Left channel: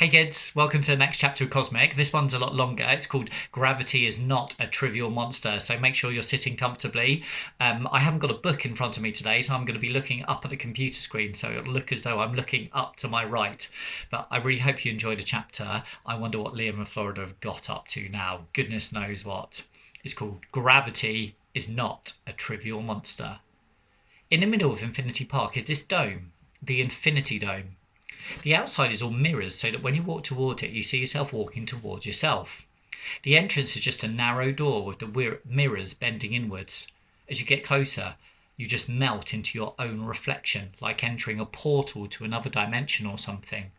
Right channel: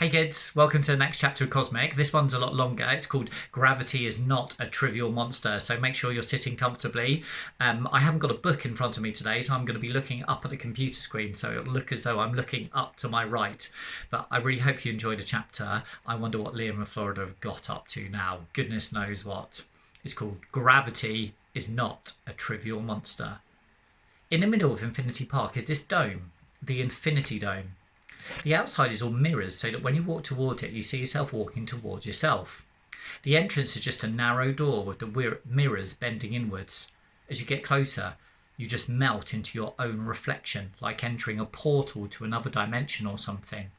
Hey kids, welcome to the next chapter of Cosmic. This one's a lot longer. It's called Gravity is Not a Trivial Monster, so make sure you're sitting comfortably. I haven't got a book in front of me today, so I'm going to be looking up at the computer screen, so it'll look as though I'm looking up to my right. But I really hope you enjoyed the chapter. I wonder what Liam and Florida have got up to now. Goodness knows what. It's called Gravity is Not a Trivial Monster. In the middle of Infinity Park is this dome, the Infinity Dome. The outside is all mirrors so that when you walk toward it, you see yourself walking towards yourself. The entrance is just a narrow door with the mirrors bending inwards. As you get closer, you just melt into your own reflection, like entering a portal to another dimension or something.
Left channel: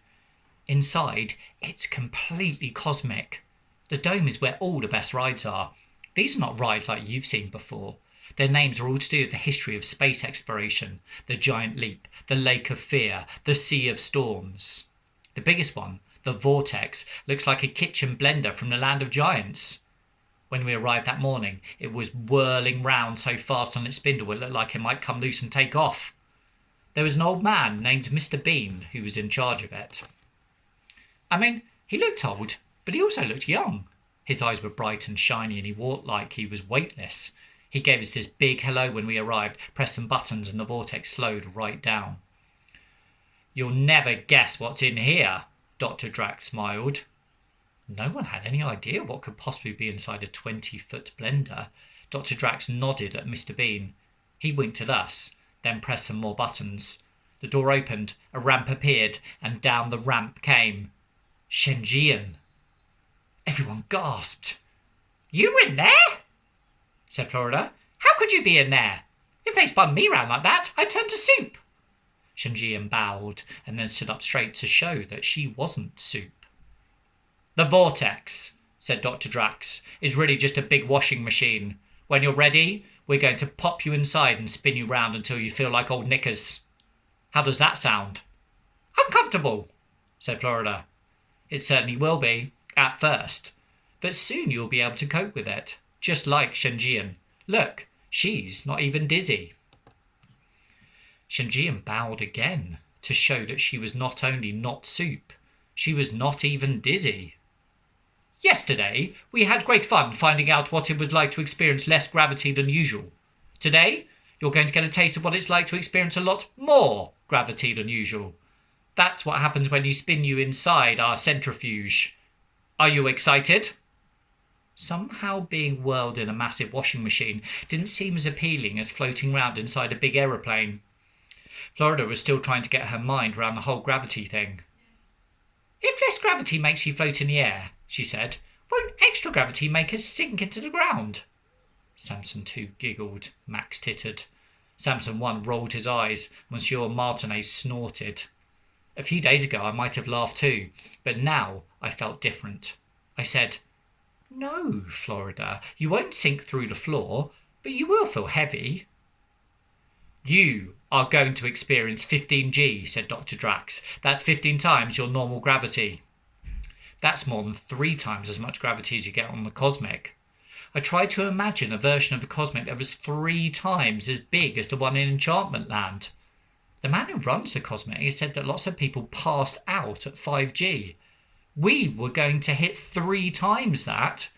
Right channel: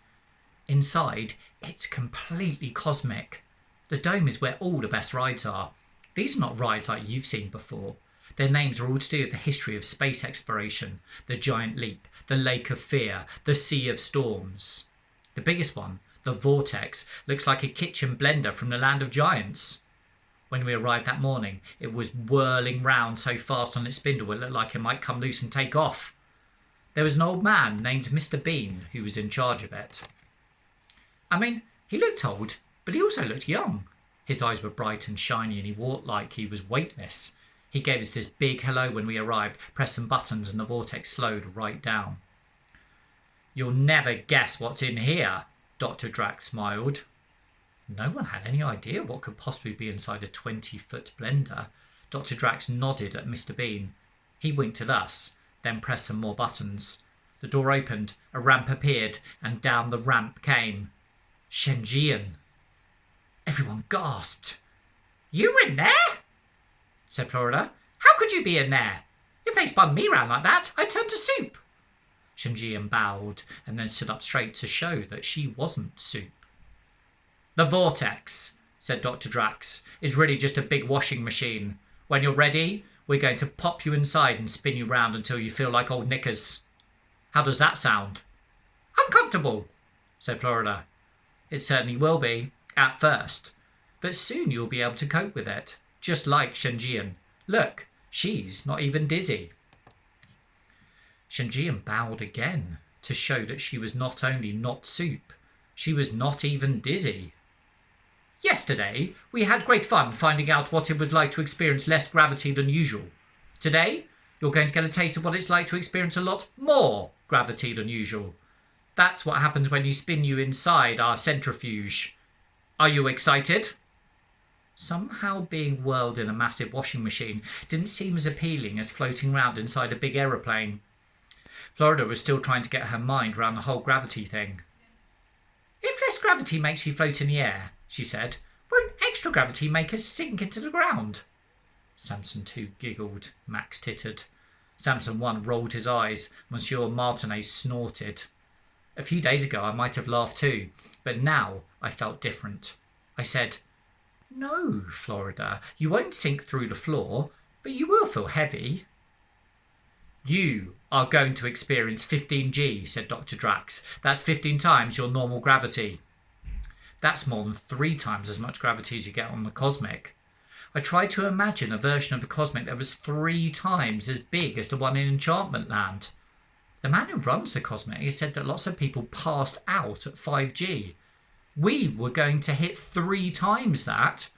Inside, it's completely cosmic. The dome is where all the best rides are. These are not rides like you've seen before. Their names are all to do with the history of space exploration, the Giant Leap, the Lake of Fear, the Sea of Storms. The biggest one, the Vortex, looks like a kitchen blender from the Land of Giants. When we arrived that morning, it was whirling round so fast on its spindle it looked like it might come loose and take off. There was an old man named Mr. Bean who was in charge of it. He looked old, but he also looked young. His eyes were bright and shiny and he walked like he was weightless. He gave us this big hello when we arrived, pressed some buttons and the vortex slowed right down. "You'll never guess what's in here," Dr. Drax smiled. No one had any idea what could possibly be inside a 20-foot blender. Dr. Drax nodded at Mr. Bean. He winked at us, then pressed some more buttons. The door opened, a ramp appeared, and down the ramp came Shenjian. Everyone gasped. "You were in there?" said Florida. "How could you be in there? If they spun me round like that, I'd turn to soup." Shenjian bowed and then stood up straight to show that she wasn't soup. "The vortex," said Dr. Drax, "is really just a big washing machine. When you're ready, we're going to pop you inside and spin you round until you feel like old knickers. How does that sound?" "Uncomfortable," said Florida. "It certainly will be, at first. But soon you'll be able to cope with it. Just like Shenjian. Look, she's not even dizzy." Shenjian bowed again to show that she was not only not soup, she was not even dizzy. "Yesterday, we had great fun finding out what it was like to experience less gravity than usual. Today, you're going to get a taste of what it's like to experience a lot more gravity than usual. That's what happens when you spin you inside our centrifuge. Are you excited?" Somehow being whirled in a massive washing machine didn't seem as appealing as floating round inside a big aeroplane. Florida was still trying to get her mind around the whole gravity thing. "If less gravity makes you float in the air," she said, "won't extra gravity make us sink into the ground?" Samson 2 giggled. Max tittered. Samson 1 rolled his eyes. Monsieur Martinet snorted. A few days ago I might have laughed too, but now I felt different. I said, "No, Florida, you won't sink through the floor, but you will feel heavy." "You are going to experience 15G, said Dr. Drax. "That's 15 times your normal gravity." That's more than 3 times as much gravity as you get on the Cosmic. I tried to imagine a version of the Cosmic that was 3 times as big as the one in Enchantment Land. The man who runs the Cosmic has said that lots of people passed out at 5G. We were going to hit 3 times that.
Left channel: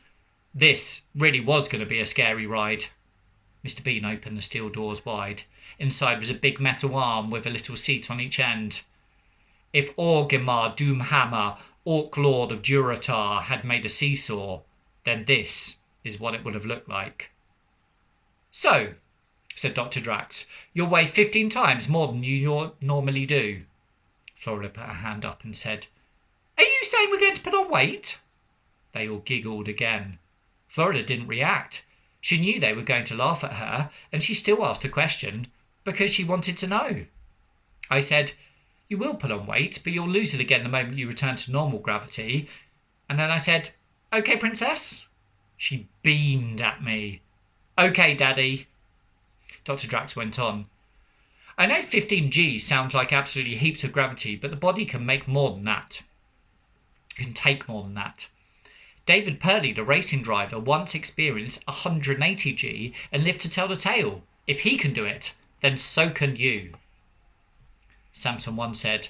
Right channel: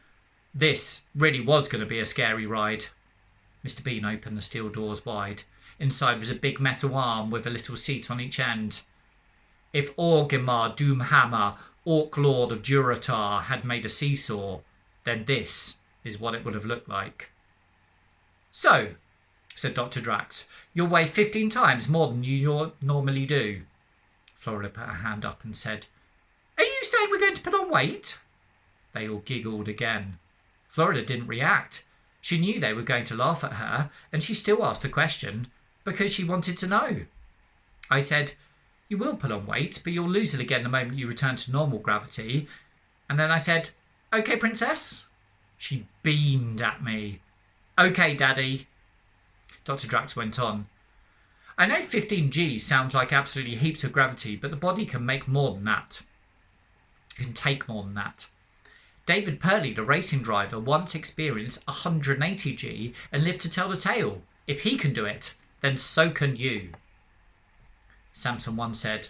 This really was going to be a scary ride. Mr. Bean opened the steel doors wide. Inside was a big metal arm with a little seat on each end. If Orgrimmar Doomhammer, Orc Lord of Durotar, had made a seesaw, then this is what it would have looked like. "So," said Dr. Drax, "you'll weigh 15 times more than you normally do." Florida put her hand up and said, "Are you saying we're going to put on weight?" They all giggled again. Florida didn't react. She knew they were going to laugh at her, and she still asked a question because she wanted to know. I said, "You will put on weight, but you'll lose it again the moment you return to normal gravity." And then I said, "Okay, princess?" She beamed at me. "Okay, daddy." Dr. Drax went on. "I know 15G sounds like absolutely heaps of gravity, but the body can make more than that. Can take more than that. David Purley, the racing driver, once experienced 180G and lived to tell the tale. If he can do it, then so can you." Samson 1 said,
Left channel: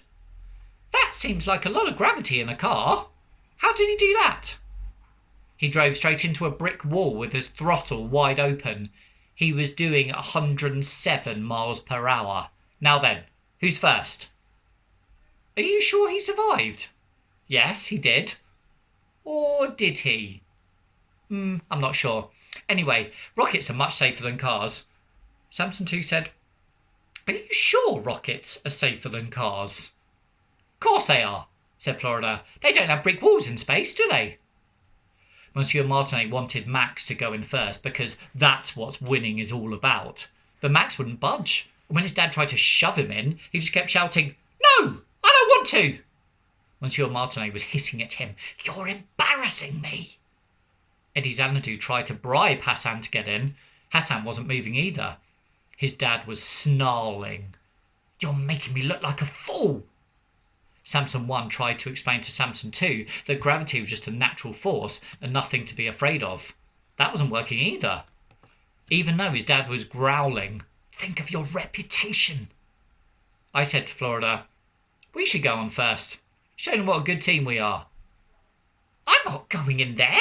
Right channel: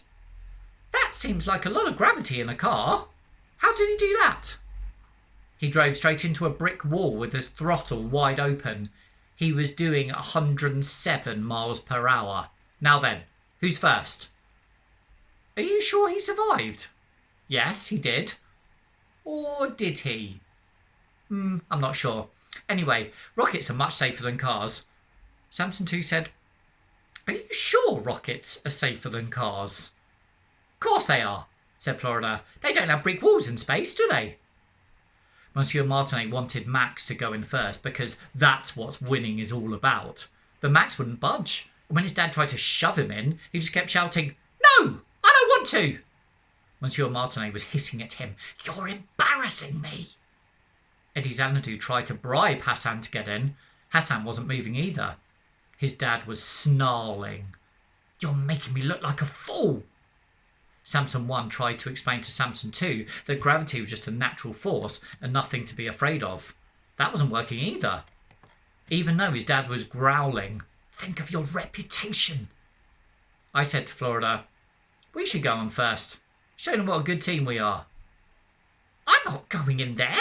That seems like a lot of gravity in a car. How did he do that? He drove straight into a brick wall with his throttle wide open. He was doing 107 miles per hour. Now then, who's first? Are you sure he survived? Yes, he did. Or did he? I'm not sure. Anyway, rockets are much safer than cars. Samson 2 said, Are you sure rockets are safer than cars? Of course they are, said Florida. They don't have brick walls in space, do they? Monsieur Martinet wanted Max to go in first because that's what winning is all about. But Max wouldn't budge. And when his dad tried to shove him in, he just kept shouting, No, I don't want to. Monsieur Martinet was hissing at him. You're embarrassing me. Eddie Xanadu tried to bribe Hassan to get in. Hassan wasn't moving either. His dad was snarling. You're making me look like a fool. Samson 1 tried to explain to Samson 2 that gravity was just a natural force and nothing to be afraid of. That wasn't working either. Even though his dad was growling, Think of your reputation. I said to Florida, We should go on first. Show them what a good team we are. I'm not going in there.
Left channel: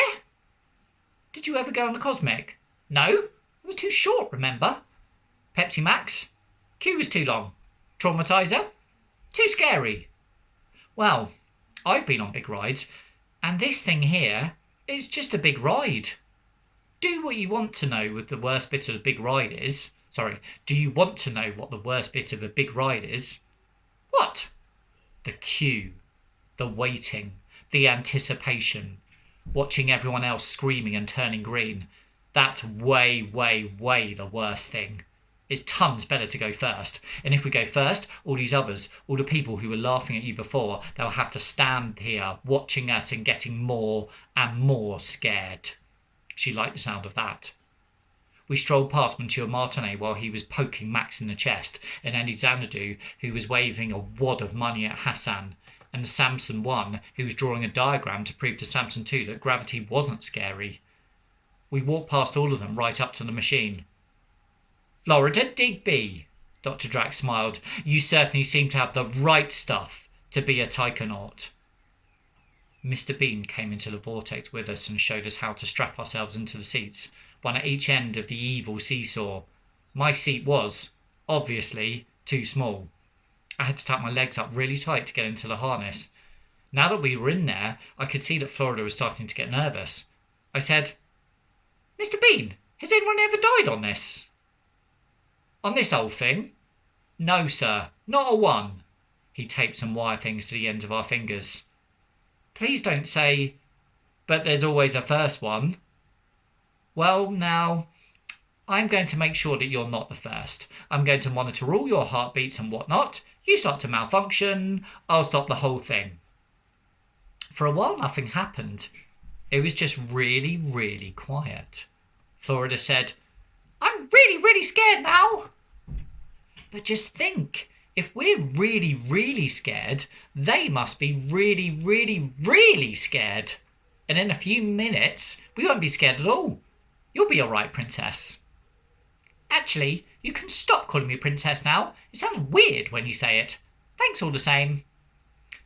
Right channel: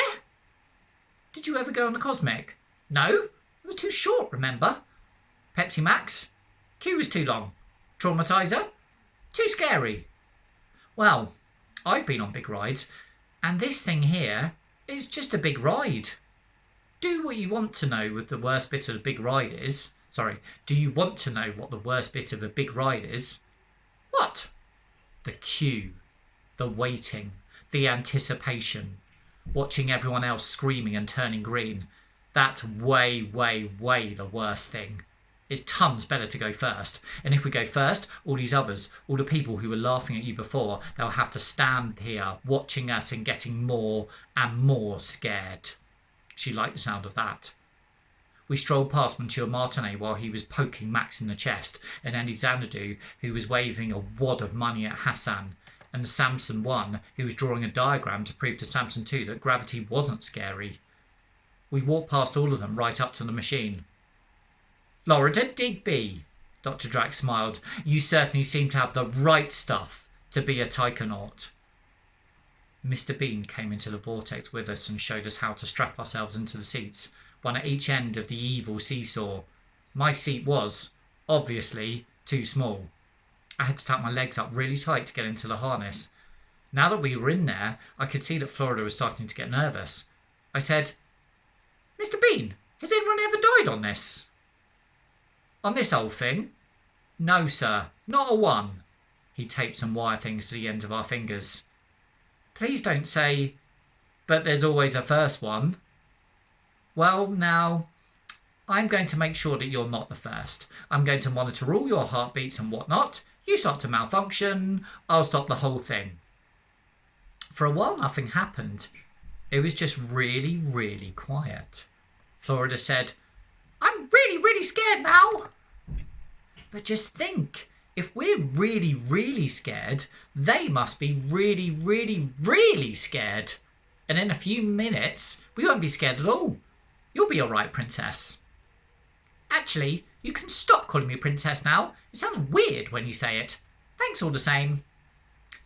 Did you ever go on the Cosmic? No, it was too short, remember? Pepsi Max? Queue was too long. Traumatizer? Too scary. Well, I've been on big rides, and this thing here is just a big ride. Do what you want to know what the worst bit of the big ride is. Do you want to know what the worst bit of a big ride is? What? The queue, the waiting, the anticipation, watching everyone else screaming and turning green. That's way, way, way the worst thing. It's tons better to go first. And if we go first, all these others, all the people who were laughing at you before, they'll have to stand here watching us and getting more and more scared. She liked the sound of that. We strolled past Monsieur Martinet while he was poking Max in the chest, and Eddie Xanadu, who was waving a wad of money at Hassan, and Samson 1, who was drawing a diagram to prove to Samson 2 that gravity wasn't scary. We walked past all of them right up to the machine. Florida Digby, Dr. Drax smiled. You certainly seem to have the right stuff to be a taikonaut. Mr. Bean came into the vortex with us and showed us how to strap ourselves into the seats, one at each end of the evil seesaw. My seat was, obviously, too small. I had to tuck my legs up really tight to get into the harness. Now that we were in there, I could see that Florida was starting to get nervous. I said, Mr. Bean, has anyone ever died on this? On this old thing? No, sir, not a one. He taped some wire things to the ends of our fingers. Please don't say, but there's always a first one. Well, now, I'm going to make sure that you're not the first. I'm going to monitor all your heartbeats and whatnot. You start to malfunction, I'll stop the whole thing. For a while, nothing happened. It was just really, really quiet. Florida said, I'm really, really scared now. But just think, if we're really, really scared, they must be really, really, really scared. And in a few minutes, we won't be scared at all. You'll be all right, princess. Actually, you can stop calling me princess now. It sounds weird when you say it. Thanks all the same.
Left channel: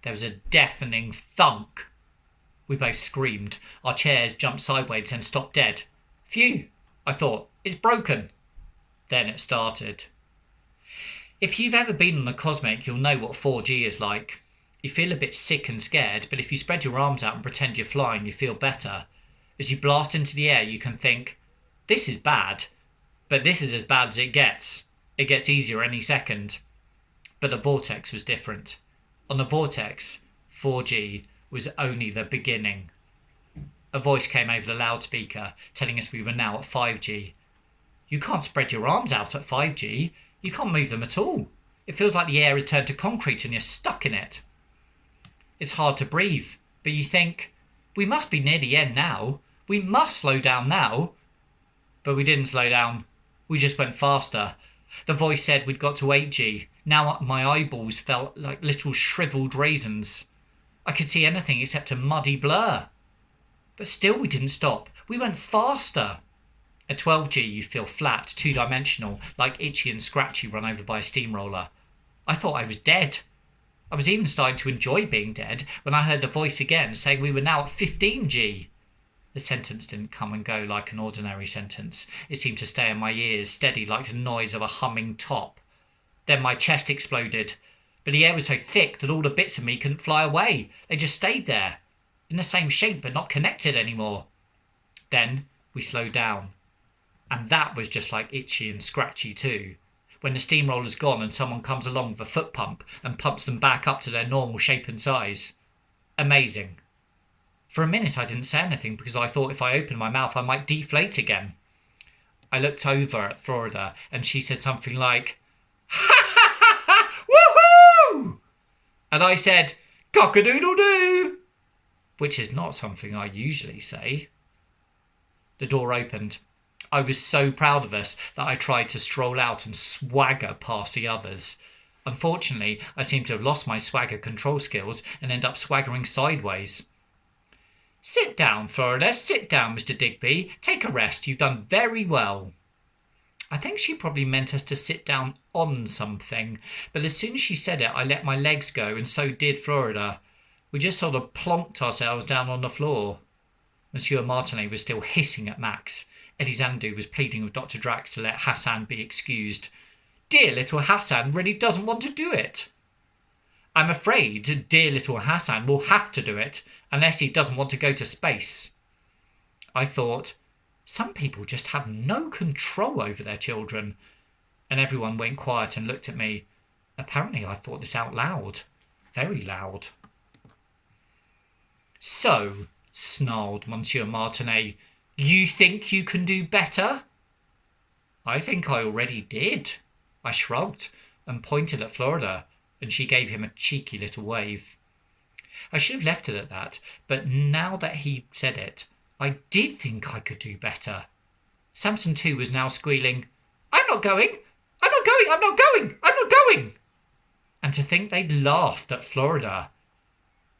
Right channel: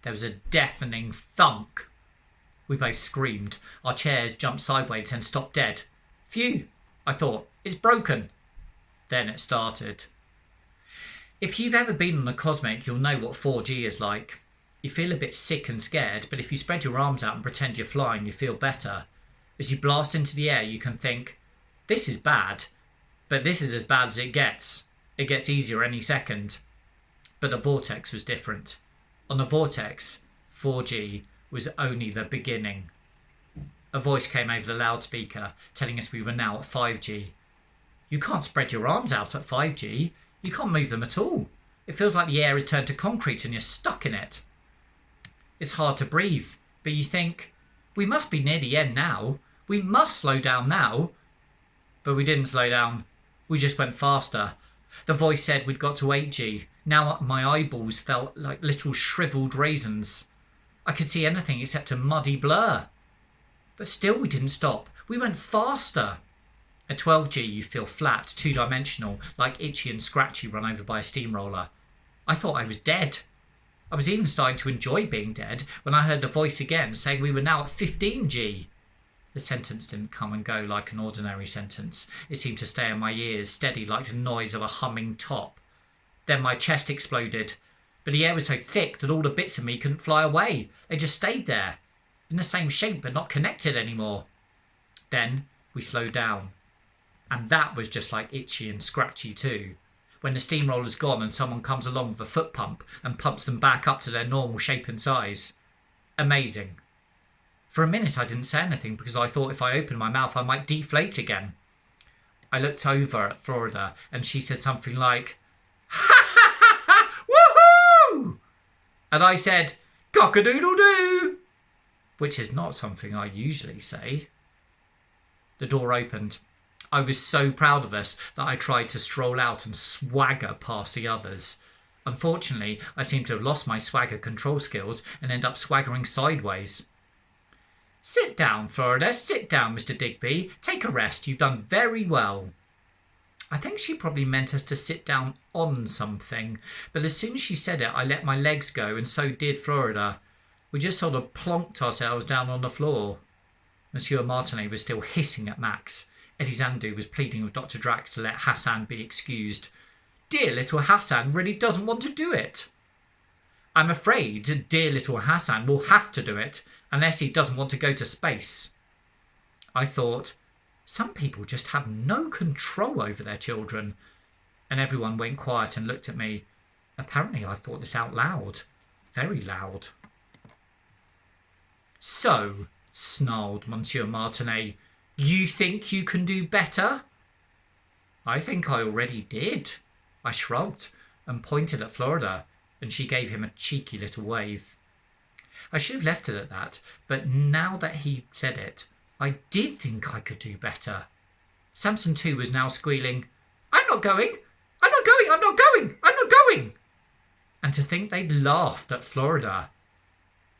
There was a deafening thunk. We both screamed. Our chairs jumped sideways and stopped dead. Phew, I thought, it's broken. Then it started. If you've ever been on a Cosmic, you'll know what 4G is like. You feel a bit sick and scared, but if you spread your arms out and pretend you're flying, you feel better. As you blast into the air, you can think, this is bad, but this is as bad as it gets. It gets easier any second. But the vortex was different. On the vortex, 4G was only the beginning. A voice came over the loudspeaker, telling us we were now at 5G. You can't spread your arms out at 5G. You can't move them at all. It feels like the air has turned to concrete and you're stuck in it. It's hard to breathe, but you think, we must be near the end now. We must slow down now. But we didn't slow down. We just went faster. The voice said we'd got to 8G. Now my eyeballs felt like little shriveled raisins. I could see anything except a muddy blur. But still we didn't stop. We went faster. At 12G you feel flat, two-dimensional, like Itchy and Scratchy run over by a steamroller. I thought I was dead. I was even starting to enjoy being dead when I heard the voice again saying we were now at 15G. The sentence didn't come and go like an ordinary sentence. It seemed to stay in my ears, steady like the noise of a humming top. Then my chest exploded, but the air was so thick that all the bits of me couldn't fly away. They just stayed there, in the same shape but not connected anymore. Then we slowed down. And that was just like itchy and scratchy too. When the steamroller's gone and someone comes along with a foot pump and pumps them back up to their normal shape and size. Amazing. For a minute I didn't say anything because I thought if I opened my mouth I might deflate again. I looked over at Florida and she said something like, "Ha ha ha ha! Woohoo!" And I said, "Cock-a-doodle-doo!" Which is not something I usually say. The door opened. I was so proud of us that I tried to stroll out and swagger past the others. Unfortunately, I seemed to have lost my swagger control skills and end up swaggering sideways. "Sit down, Florida. Sit down, Mr. Digby. Take a rest. You've done very well." I think she probably meant us to sit down on something, but as soon as she said it, I let my legs go, and so did Florida. We just sort of plonked ourselves down on the floor. Monsieur Martinet was still hissing at Max. Eddie Zandu was pleading with Dr. Drax to let Hassan be excused. Dear little Hassan really doesn't want to do it. I'm afraid dear little Hassan will have to do it, unless he doesn't want to go to space. I thought, some people just have no control over their children. And everyone went quiet and looked at me. Apparently I thought this out loud. Very loud. "So," snarled Monsieur Martinet, "you think you can do better?" "I think I already did." I shrugged and pointed at Florida, and she gave him a cheeky little wave. I should have left it at that, but now that he said it, I did think I could do better. Samson too was now squealing, "I'm not going! I'm not going! I'm not going! I'm not going!" And to think they'd laughed at Florida.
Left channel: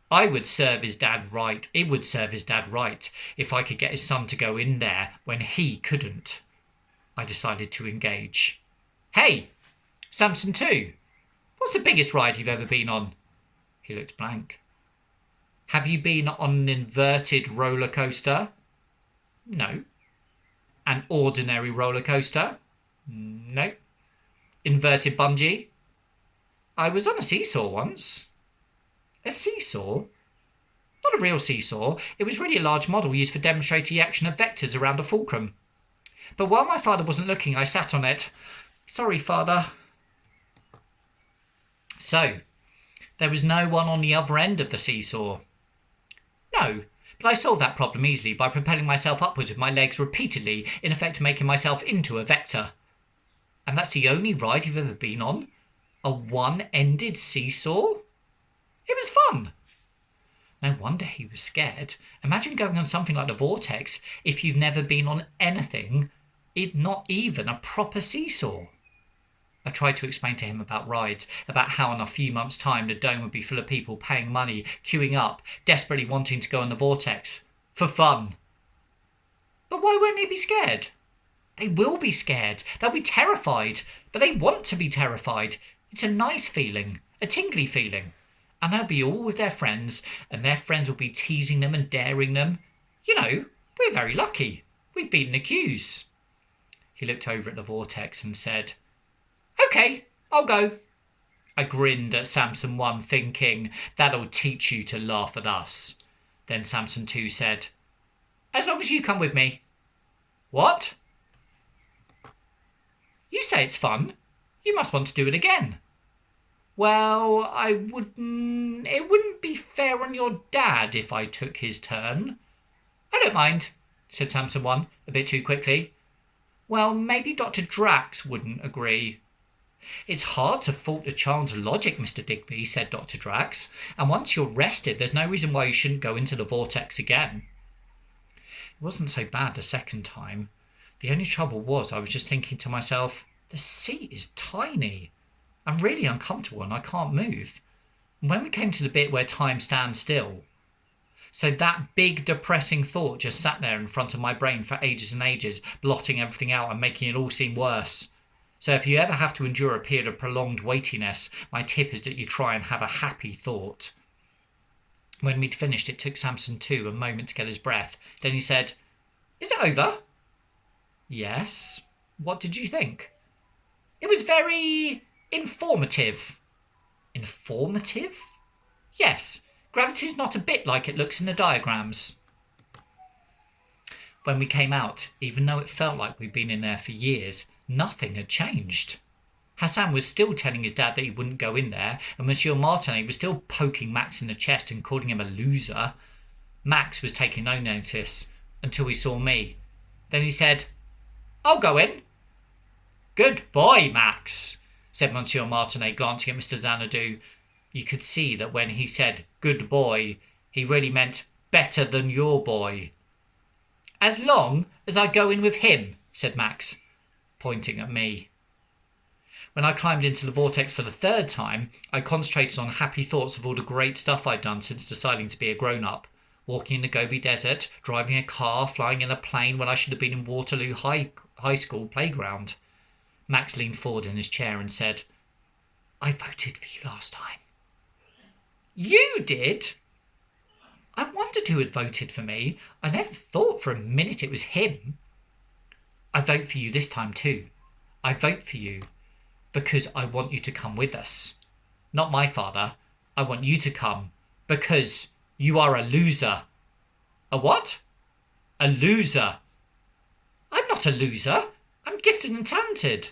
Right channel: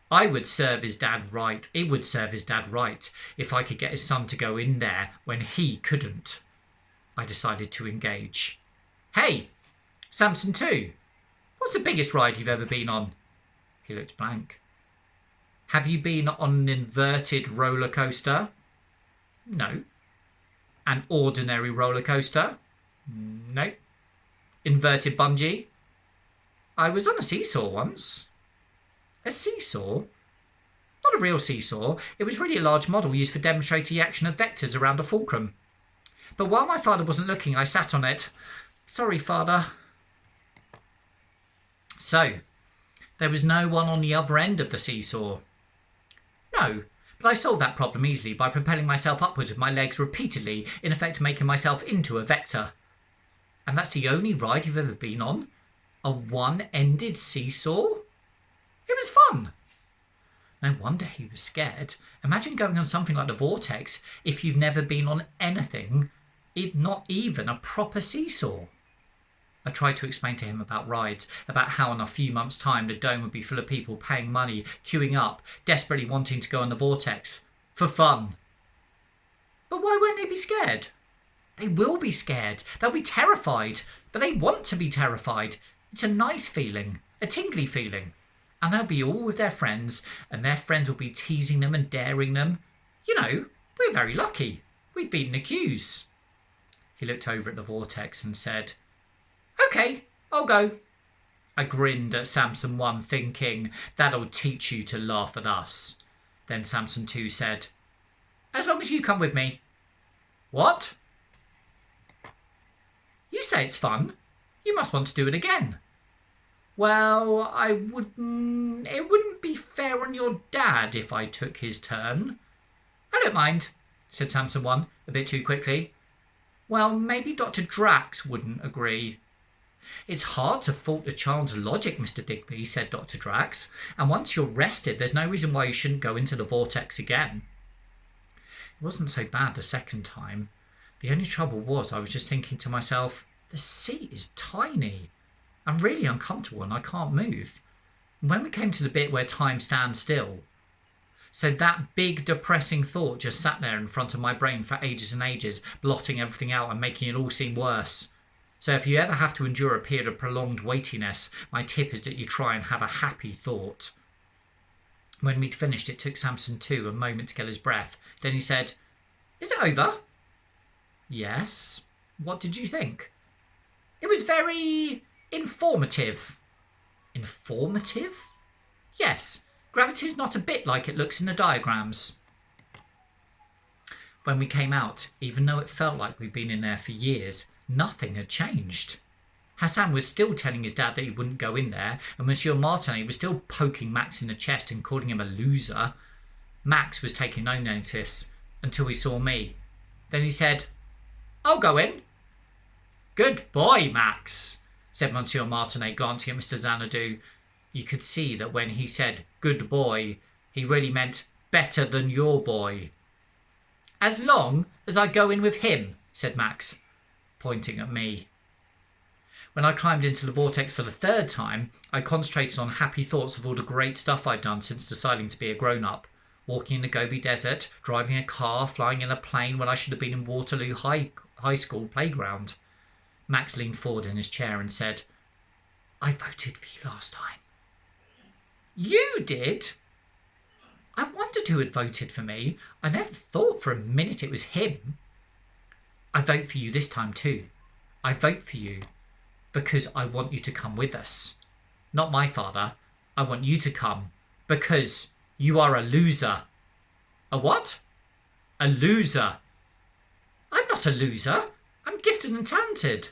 I would serve his dad right. It would serve his dad right if I could get his son to go in there when he couldn't. I decided to engage. "Hey, Samson too. What's the biggest ride you've ever been on?" He looked blank. "Have you been on an inverted roller coaster?" "No." "An ordinary roller coaster?" "No." "Inverted bungee?" "I was on a seesaw once." "A seesaw?" "Not a real seesaw. It was really a large model used for demonstrating the action of vectors around a fulcrum. But while my father wasn't looking, I sat on it. Sorry, Father." "So, there was no one on the other end of the seesaw?" "No, but I solved that problem easily by propelling myself upwards with my legs repeatedly, in effect making myself into a vector." "And that's the only ride you've ever been on? A one-ended seesaw?" "It was fun." No wonder he was scared. Imagine going on something like the vortex if you've never been on anything, not even a proper seesaw. I tried to explain to him about rides, about how in a few months' time the dome would be full of people paying money, queuing up, desperately wanting to go on the vortex. For fun. But why won't they be scared? They will be scared. They'll be terrified. But they want to be terrified. It's a nice feeling. A tingly feeling. And they'll be all with their friends, and their friends will be teasing them and daring them. You know, we're very lucky. We've beaten the queues. He looked over at the vortex and said, "OK, I'll go." I grinned at Samson 1, thinking, that'll teach you to laugh at us. Then Samson 2 said, "As long as you come with me." "What?" "You say it's fun. You must want to do it again." "Well, it wouldn't be fair on your dad if I took his turn." "I don't mind," said Samson 1, a bit too quickly. "Well, maybe Dr. Drax wouldn't agree." "It's hard to fault a child's logic, Mr. Digby," said Dr. Drax, "and once you're rested, there's no reason why you shouldn't go into the vortex again." It wasn't so bad the second time. The only trouble was I was just thinking to myself, the seat is tiny. I'm really uncomfortable and I can't move. And when we came to the bit where time stands still, so that big depressing thought just sat there in front of my brain for ages and ages, blotting everything out and making it all seem worse. So if you ever have to endure a period of prolonged weightiness, my tip is that you try and have a happy thought. When we'd finished, it took Samson too a moment to get his breath. Then he said, "Is it over?" "Yes. What did you think?" "It was very informative." "Informative?" "Yes. Gravity's not a bit like it looks in the diagrams." When we came out, even though it felt like we'd been in there for years, nothing had changed. Hassan was still telling his dad that he wouldn't go in there, and Monsieur Martinet was still poking Max in the chest and calling him a loser. Max was taking no notice until he saw me. Then he said, "I'll go in." "Good boy, Max," said Monsieur Martinet, glancing at Mr. Xanadu. You could see that when he said "good boy," he really meant better than your boy. "As long as I go in with him," said Max, pointing at me. When I climbed into the vortex for the third time, I concentrated on happy thoughts of all the great stuff I'd done since deciding to be a grown-up. Walking in the Gobi Desert, driving a car, flying in a plane when I should have been in Waterloo High School playground. Max leaned forward in his chair and said, "I voted for you last time." "You did?" I wondered who had voted for me. I never thought for a minute it was him. "I vote for you this time too. I vote for you because I want you to come with us. Not my father. I want you to come because you are a loser." "A what?" "A loser." "I'm not a loser. I'm gifted and talented."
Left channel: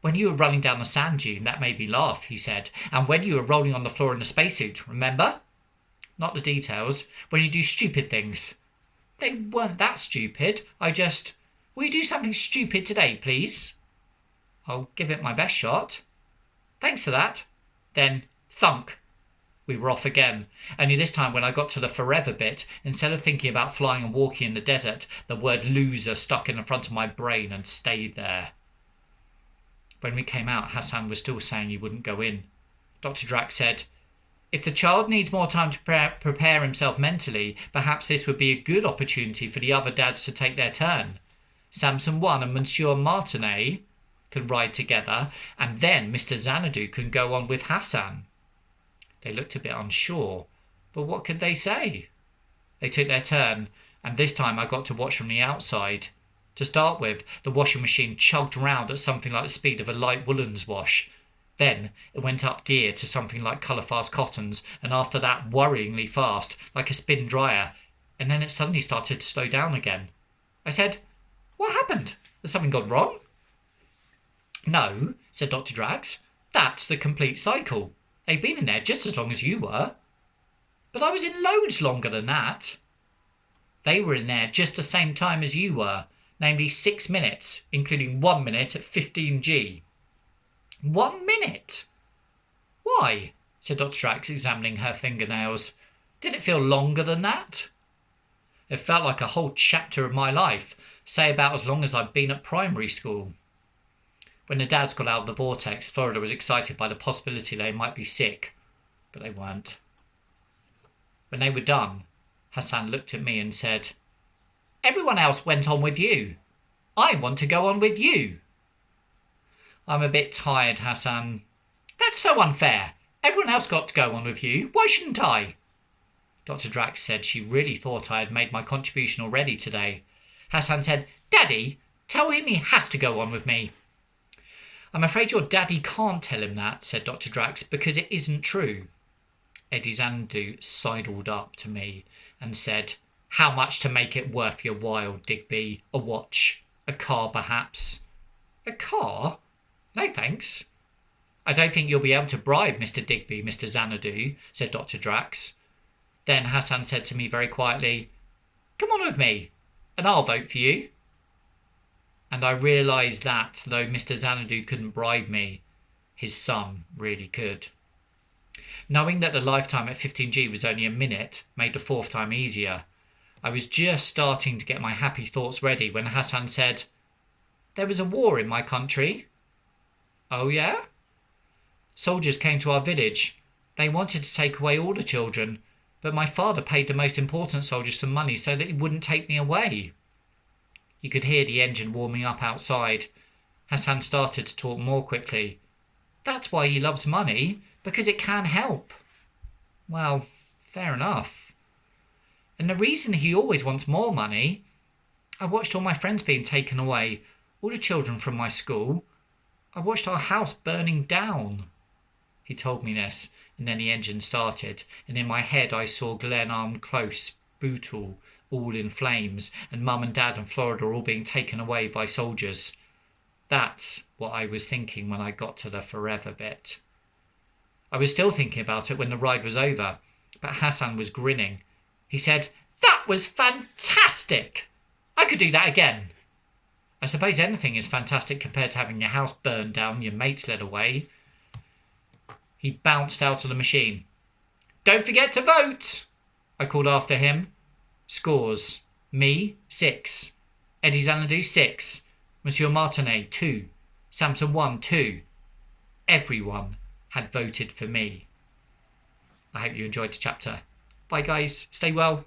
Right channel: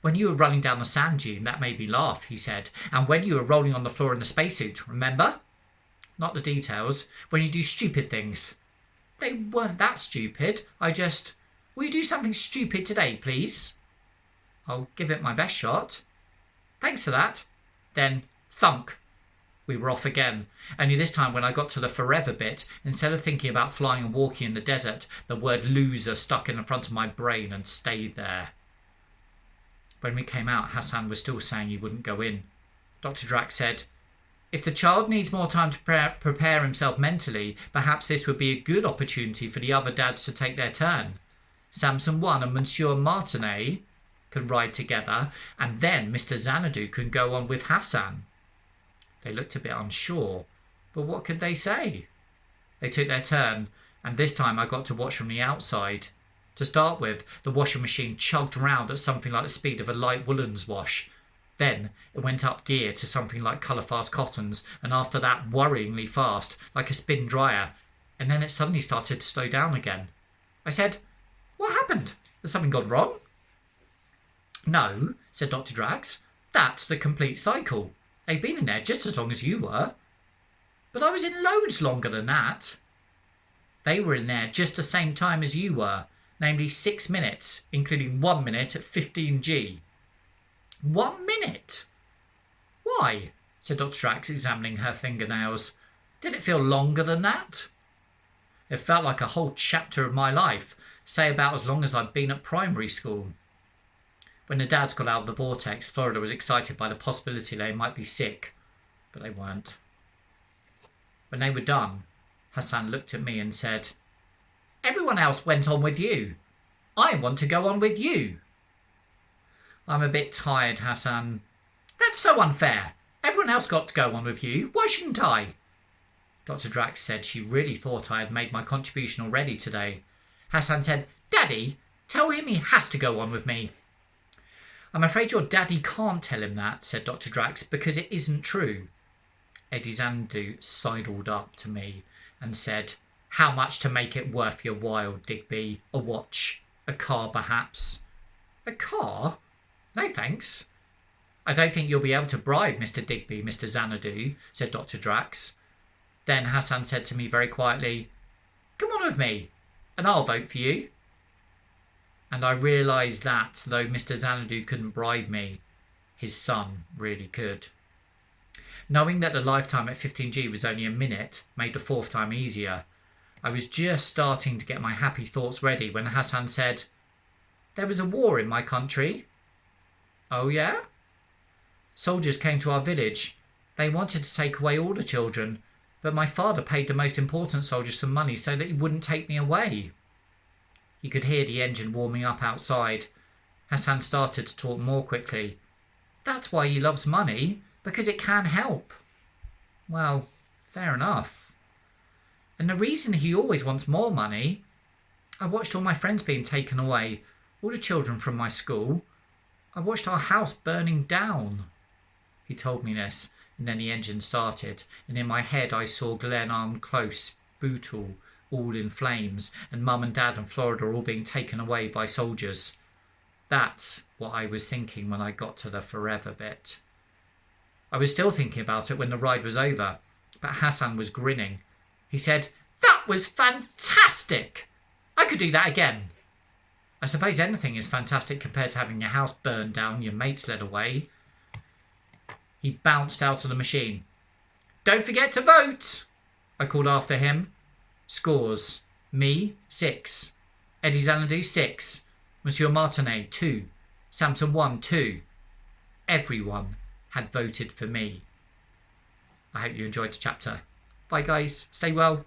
"When you were running down the sand dune, that made me laugh," he said. "And when you were rolling on the floor in the spacesuit, remember?" "Not the details. When you do stupid things." "They weren't that stupid. Will you do something stupid today, please?" "I'll give it my best shot." "Thanks for that." Then, thunk. We were off again. Only this time when I got to the forever bit, instead of thinking about flying and walking in the desert, the word loser stuck in the front of my brain and stayed there. When we came out, Hassan was still saying he wouldn't go in. Dr. Drax said, "If the child needs more time to prepare himself mentally, perhaps this would be a good opportunity for the other dads to take their turn. Samson 1 and Monsieur Martinet can ride together, and then Mr. Xanadu can go on with Hassan." They looked a bit unsure, but what could they say? They took their turn, and this time I got to watch from the outside. To start with, the washing machine chugged round at something like the speed of a light woolens wash. Then it went up gear to something like colour-fast cottons, and after that worryingly fast, like a spin dryer, and then it suddenly started to slow down again. I said, "What happened? Has something gone wrong?" "No," said Dr. Drax. "That's the complete cycle. They've been in there just as long as you were." "But I was in loads longer than that." "They were in there just the same time as you were, namely 6 minutes, including 1 minute at 15G. 1 minute? Why?" said Dr. Drax, examining her fingernails. "Did it feel longer than that?" "It felt like a whole chapter of my life, say about as long as I'd been at primary school." When the dads got out of the vortex, Florida was excited by the possibility they might be sick, but they weren't. When they were done, Hassan looked at me and said, "Everyone else went on with you. I want to go on with you." "I'm a bit tired, Hassan." "That's so unfair. Everyone else got to go on with you. Why shouldn't I?" Dr. Drax said she really thought I had made my contribution already today. Hassan said, "Daddy, tell him he has to go on with me." "I'm afraid your daddy can't tell him that," said Dr. Drax, "because it isn't true." Eddie Xanadu sidled up to me and said, "How much to make it worth your while, Digby? A watch? A car, perhaps?" "A car? No, thanks." "I don't think you'll be able to bribe Mr. Digby, Mr. Xanadu," said Dr. Drax. Then Hassan said to me very quietly, "Come on with me, and I'll vote for you." And I realised that, though Mr. Xanadu couldn't bribe me, his son really could. Knowing that the lifetime at 15G was only a minute made the fourth time easier. I was just starting to get my happy thoughts ready when Hassan said, "There was a war in my country." "Oh yeah?" "Soldiers came to our village. They wanted to take away all the children, but my father paid the most important soldiers some money so that he wouldn't take me away." You could hear the engine warming up outside. Hassan started to talk more quickly. That's why he loves money, because it can help. Well, fair enough. And the reason he always wants more money, I watched all my friends being taken away, all the children from my school. I watched our house burning down. He told me this, and then the engine started, and in my head I saw Glenarm Close, Bootle, all in flames, and Mum and Dad and Florida all being taken away by soldiers. That's what I was thinking when I got to the forever bit. I was still thinking about it when the ride was over, but Hassan was grinning. He said, "That was fantastic! I could do that again." I suppose anything is fantastic compared to having your house burned down, your mates led away. He bounced out of the machine. "Don't forget to vote," I called after him. Scores. Me, 6. Eddie Xanadu, 6. Monsieur Martinet, 2. Samson 1, 2. Everyone had voted for me. I hope you enjoyed the chapter. Bye guys. Stay well.